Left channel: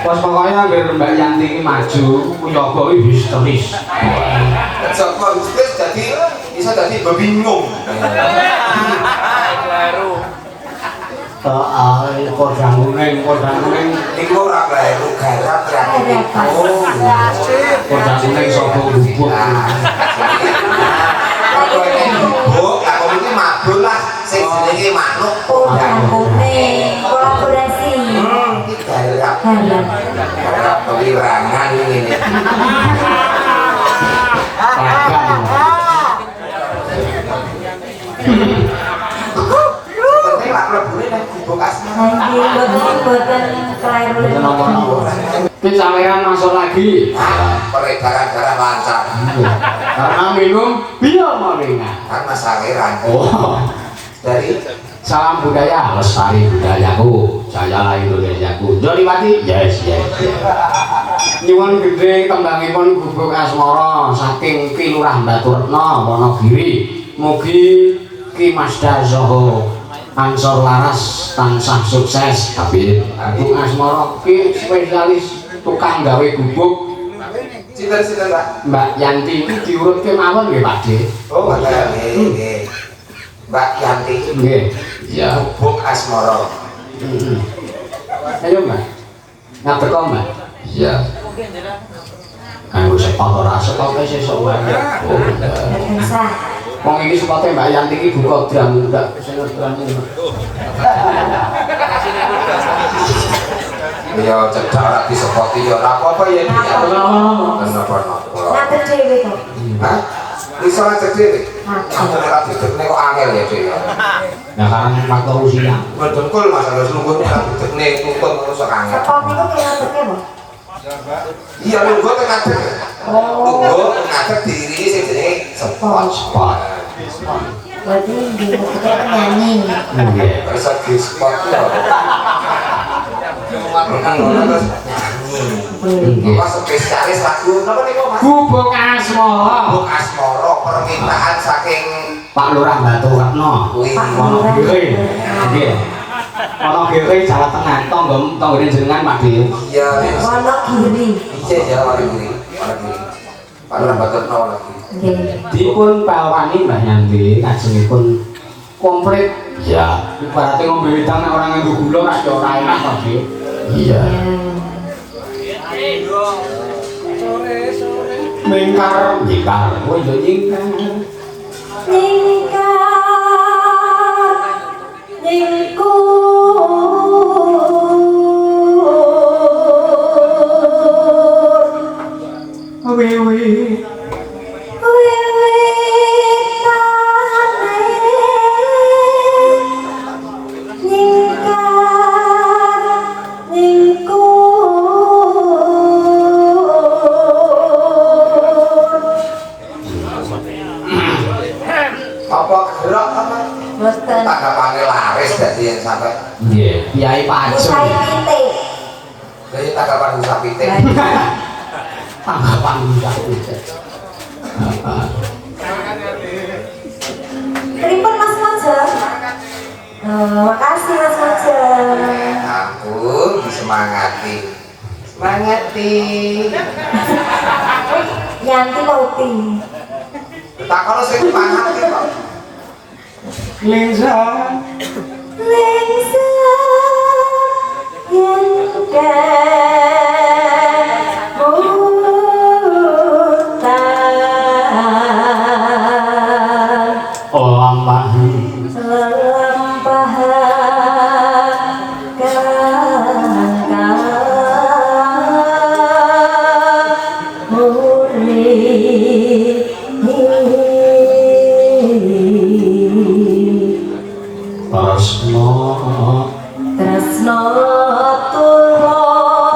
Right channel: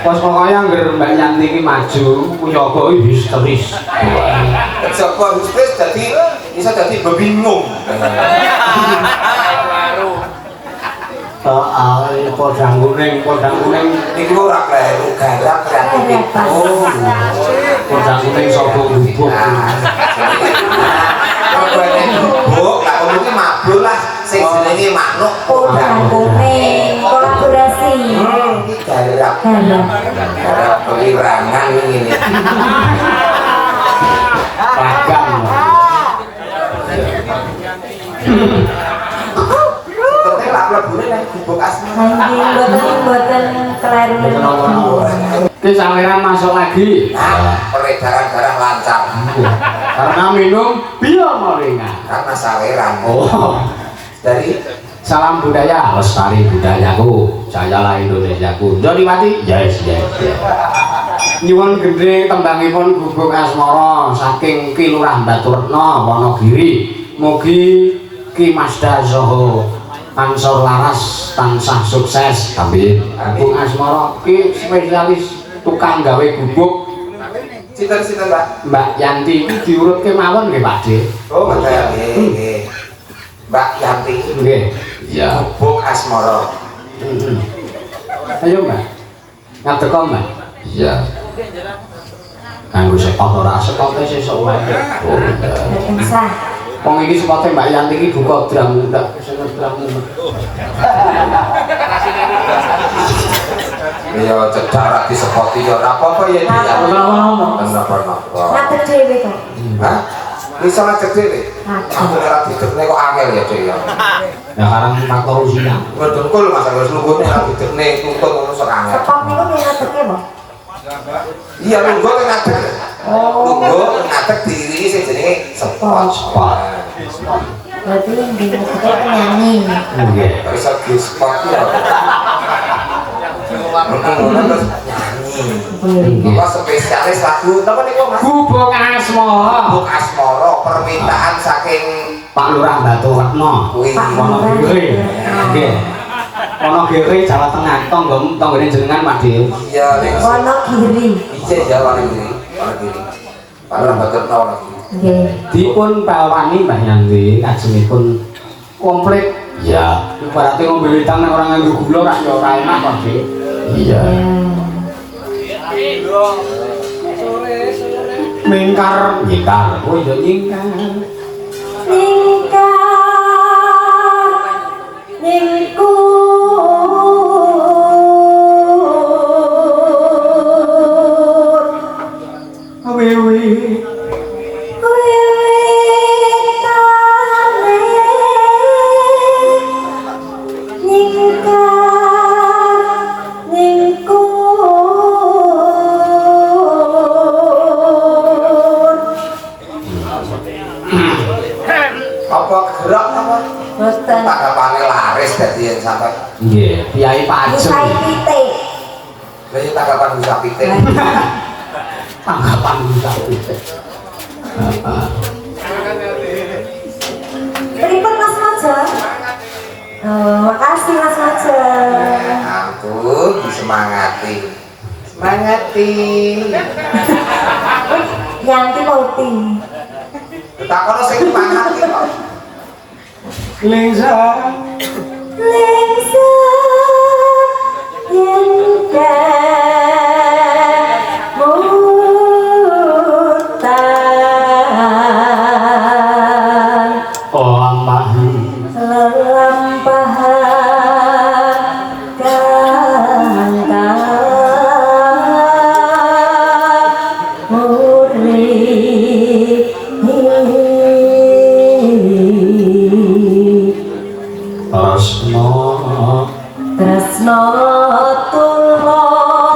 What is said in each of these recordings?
Pas pokoknya anggere Mbak Yanti iki maju, Joko iki histeris. Joko histeris dadi iso dadi bingung. Kleru. Soal podang-uning iku ora kleru, garap kreativitas. Podang-uning saka gubuk. Gubuk, lah iki mabul lah sing jenenge makhluk podang-uning kolaborasi. Iki garap. Garap pelirangan ngene. Ragam. Ki sampean masuk lagi. Peredaran darah lancar. Karena minum biomoringa. Karena saweran. Oh. Jadi salam budaya, lestari budayaku, jaya Indonesiaku. Joliwati, yes. Nyuwun gede tembangipun Gubuk Asmara saking Ki Lurah Baturetna Wonogiri. Mugi Ki Masda saha Ansor laras tansah sukses. Amin. Gubuk Asmara ki spesialis tukang gawe gubuk. Sinten Mbak Yanti iki diurutke mawon nggih Pak De. Oh, nggih. Mbak Yanti. Nggih. Iya. Gubuk Asmara. Ayo Mbak. Ngadeg kok Mbak. Iya. Kanggo sepatu ora sepote sesuk wae. Oh. Bisa. Wong iki sepote Mbak Yanti iki buka dram ndak kesene dram. Ya cedak ora disepoti ya ora apa-apa ya dia. Kenapa? Ngatur dhewe kok. Hah? Bisa ngajak dhewe. Aku ora didekne kok angel ya Dek ya. Ya karang ngatur usia. Ngedengkul Mas harus nunggu ora didekne untuk ngono sok angel. Sepok niku ngaturke kok. Iya lungguh kan ngadeg. Lungguh ngadeg diri sing jenenge spot. Berarti dia nyanyi. Nggih. Bisa di spot ya. Nggih. Apa spesialis lagu napa niku Mas? Gubuk Asmara. Gubuk Asmara permintaan saking Pak Lurah Baturetna. kuwi. Wonogiri. Nggih. Wonogiri Jawa Tengah tanggane jenengan Pak De. Iya, Mas. Wonogiri. Iya Jawa ini. Para Baturetna lagi. Nggih. Dipun pawani Mbah Yanti kajengipun komplit. Ya, ibaratnya ngombe wedang nek ora nganggo gula rak ya ora enak kok, Dik. Iya. Mingkar, oh iya nyingkar. Wewe. Apa gerak apa? Boten. Tanggapane laris dadi yang sampai. Nggih, Kiai Pak Ajeng. Usai pitik. Lah ya tanggapan bisa pitik. Tanggapan bisa pitik. Pripun Mas Majeng? Oh, makasih Mas Majeng. Ampun, disemangati. Semangati. Yanti Loti. Tak kono sing semangati kok. Lingsa. Lingsa Oh Allah. Tresno tulung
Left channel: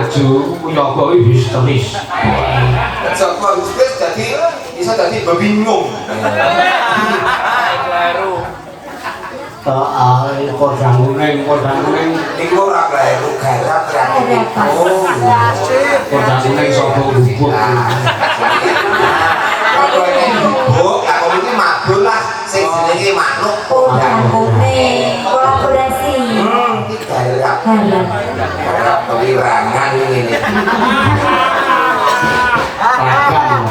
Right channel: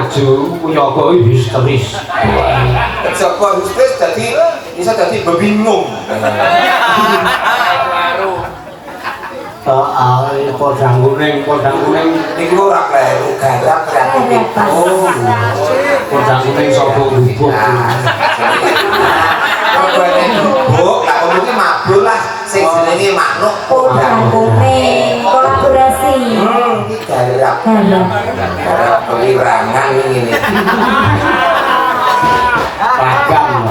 maju nyoba histeris. Joko Hustis jadi bisa jadi bebingung. Podang kuning Ini ora kleru garap kreativitas. podang kuning sobo bubuk. Bubuk, lah kemudian mabuk lah. Sing jenenge manuk Udang kuning kolaborasi. Ini garap. Garap pelirangan ini. Ragam.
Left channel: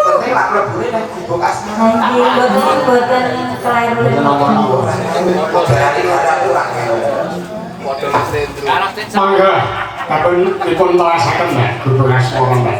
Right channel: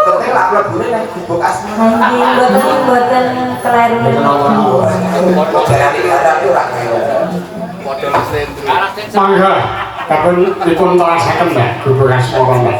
Penting lah mlebune nek bubuk asli. Buatan kelahiran. Jadi ini ada ora. Mangga, kapan dipun telasaken Mbak, bubuk asmara Mbak.